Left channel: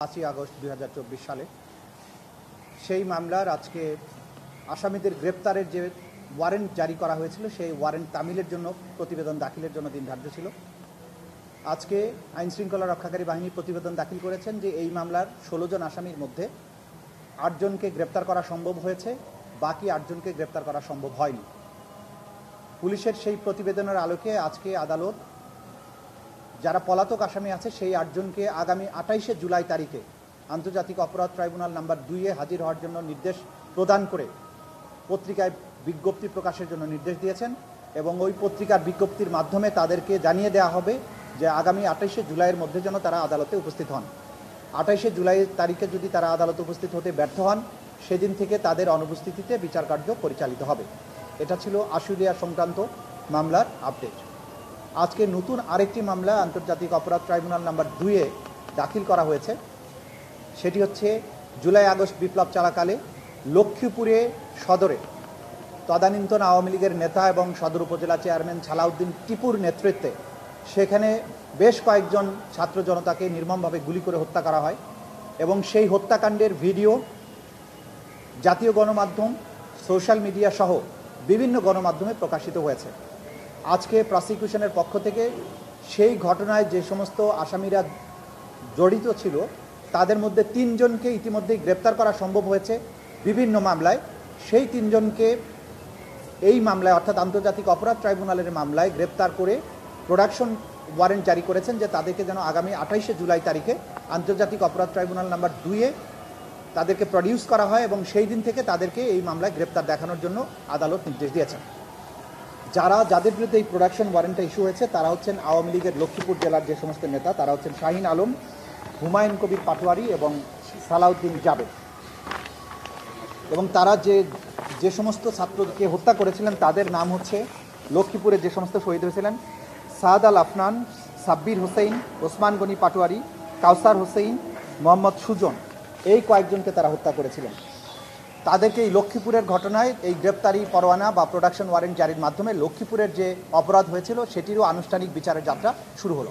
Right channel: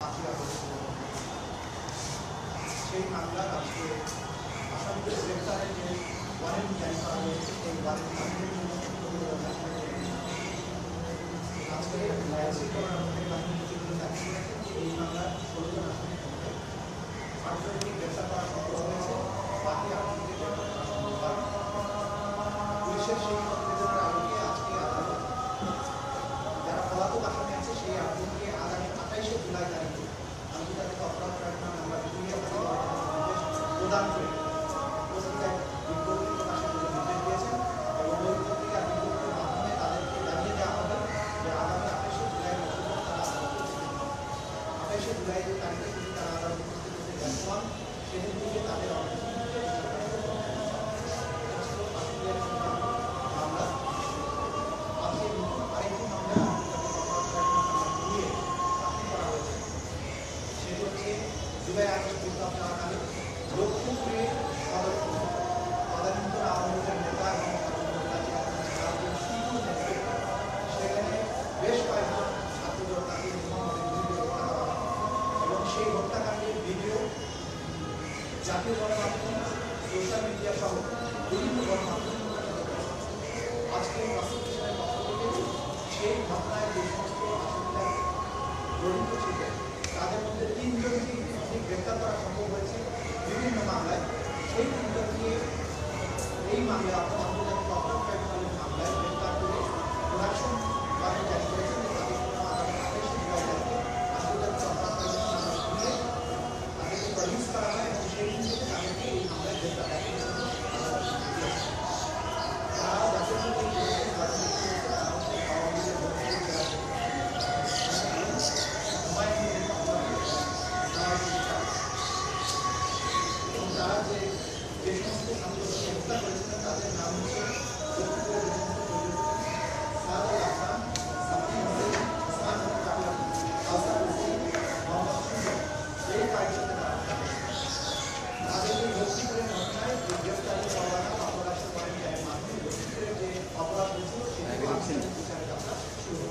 5ই August 2024 সালে সেই মামলার আজকে আসামিদের গ্রেপ্তারের যে ওয়ারেন্ট জারি করা হয়েছিল সেই ওয়ারেন্ট তামিলের জন্য প্রতিবেদন দাখিলের জন্য সিদ্ধান্ত ছিল। আজকে আইন শৃঙ্খলা রক্ষাকারী বাহিনী প্রতিবেদন দাখিল করেছেন যে এই মামলার 16 জন আসামির মধ্যে 8 জনকে গ্রেপ্তার করা সম্ভব হয়েছে, বাকি 8 জনকে গ্রেপ্তার করা সম্ভব হয়নি। পুলিশের সেই প্রতিবেদনের আলোকে আজকে আদালত যারা পলাতক আসামি আছে সেই 8 জনকে আগামী 28শে জুলাই তারিখে আন্তর্জাতিক অপরাধ ট্রাইব্যুনাল নাম্বার 2-এ হাজির হওয়ার জন্য নির্দেশ প্রদান করে পত্রিকায় বিজ্ঞপ্তি প্রকাশের জন্য নির্দেশ দিয়েছেন এবং ওই পত্রিকার বিজ্ঞপ্তির মাধ্যমে তাদেরকে জানিয়ে দেওয়া হবে যে আগামী 28শে জুলাইয়ের মধ্যে যেন তারা আদালতে উপস্থিত হন। 28শে জুলাই তারিখে যদি তারা আদালতে উপস্থিত হতে ব্যর্থ হন, সেদিন থেকে তাদের অনুপস্থিতিতে বিচার কার্য পরিচালিত হবে। এটা ছিল আশুলিয়া সংক্রান্ত মামলার আপডেট। আজকে নতুন আরেকটি মামলা আন্তর্জাতিক অপরাধ ট্রাইব্যুনাল নাম্বার 2-এ দাখিল করা হয়েছে। সেটি হচ্ছে জুলাই আগস্ট বিপ্লব চলাকালে লক্ষ্মীপুরে সদরে তদানীন্তন আওয়ামী লীগের নেতা এবং সদর উপজেলা চেয়ারম্যান সালাউদ্দিন টিপুর নেতৃত্বে সেখানে বেশ কয়েকজন ছাত্র জনতাকে নির্মমভাবে গুলি করে হত্যা করা হয় এবং সেই হত্যাকাণ্ডের ভিডিও জাতীয় গণমাধ্যম, সোশ্যাল মিডিয়া সহ বিভিন্ন গণমাধ্যমে প্রকাশিত হয়েছে। আজকে প্রসিকিউশনের পক্ষ থেকে সেই ঘটনায় যে সমস্ত আসামিরা জড়িত ছিল তাদের মধ্যে 3 জনকে ইতিমধ্যেই গ্রেপ্তার করা সম্ভব হয়েছে বিভিন্ন মামলায়। সেই 3 জনকে এই মামলায় অর্থাৎ আন্তর্জাতিক অপরাধ ট্রাইব্যুনালের মামলায় গ্রেপ্তার করে প্রোডাকশন ওয়ারেন্ট জারি করেছেন যে তাদেরকে যেন আগামী 28শে জুলাই তারিখে আন্তর্জাতিক অপরাধ ট্রাইব্যুনাল নাম্বার 2-এ তাদেরকে প্রডিউস করা হয় এবং সেই দিন থেকে তাদেরকে এই মামলায় গ্রেপ্তার দেখানোর জন্য আদালত নির্দেশ দিয়েছে। যাদের বিরুদ্ধে এই প্রোডাকশন ওয়ারেন্টটা ইস্যু হয়েছে তারা হচ্ছেন আওয়ামী লীগের লক্ষ্মীপুর জেলার যে সমস্ত নেতা, তারা হচ্ছেন শাহিন আলম, হুমায়ুন কবির পাটোয়ারি এবং সালাউদ্দিন জাবেদ। এবং তারা যে সমস্ত ছাত্রকে হত্যা করেছিলেন তাদের নাম হচ্ছে লক্ষ্মীপুরে যে সমস্ত শহীদ হয়েছিলেন সাদ আল আফনান, সাব্বির হোসেন, ওসমান গনি পাটোয়ারি, কাউসার হোসেন, মোহাম্মদ সুজন, এই কয়েকজনকে তারা হত্যা করেছিলেন। তাদেরকে এই লক্ষ্মীপুরের ঘটনায় এই গ্রেপ্তারি পরোয়ানা বা প্রোডাকশন ওয়ারেন্ট জারির মাধ্যমে লক্ষ্মীপুরের যে অপরাধ হয়েছিল সেটিরও আনুষ্ঠানিক বিচারের যাত্রা শুরু হলো।